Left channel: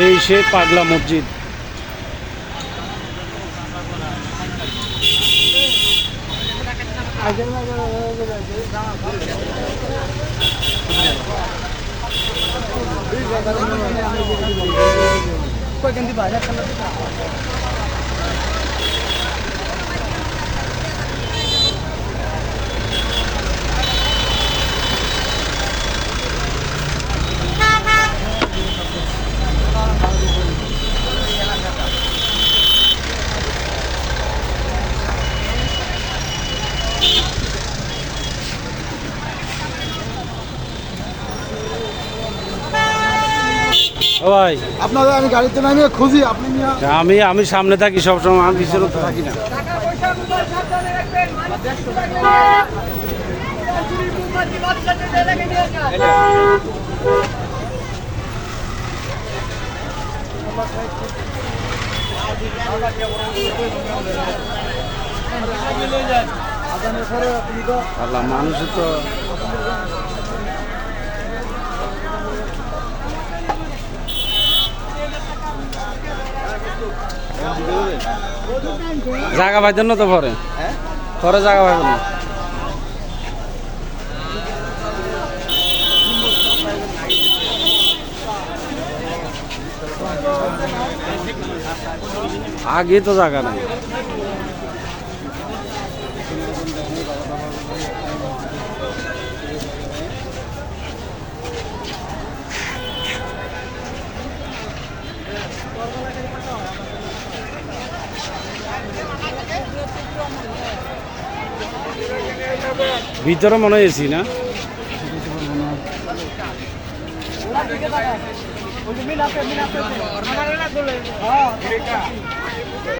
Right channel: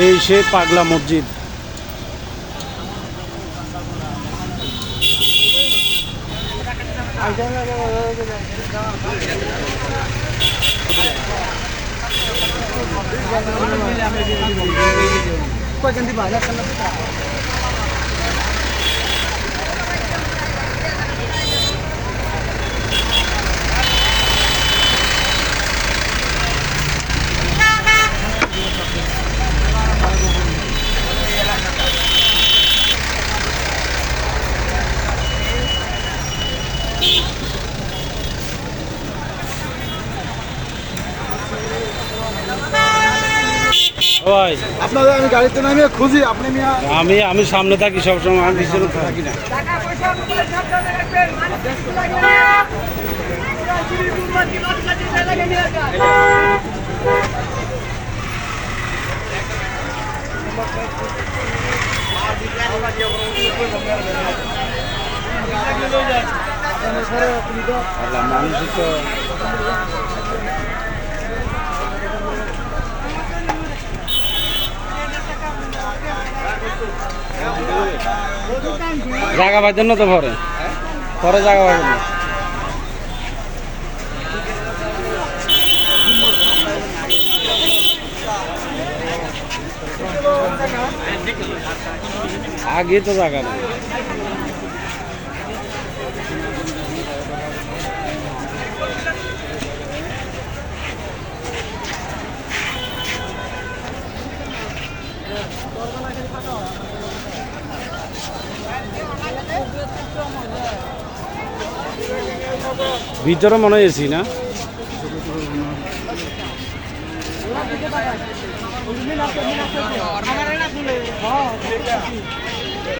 এই সে পাগলা মসজিদ। ভাই আপনাকে আমি গাড়িতে নামিয়ে খুঁজি, আপনি আমি সামনে থাকি সবসময়, আমি পিছনে তো থাকি না। মানুষ তো জায়গা পাইতেন না তো পরে পরে জায়গা পাইতেন না। আগে তো জায়গা নেই। ভিতরে মনে হয় এসি না?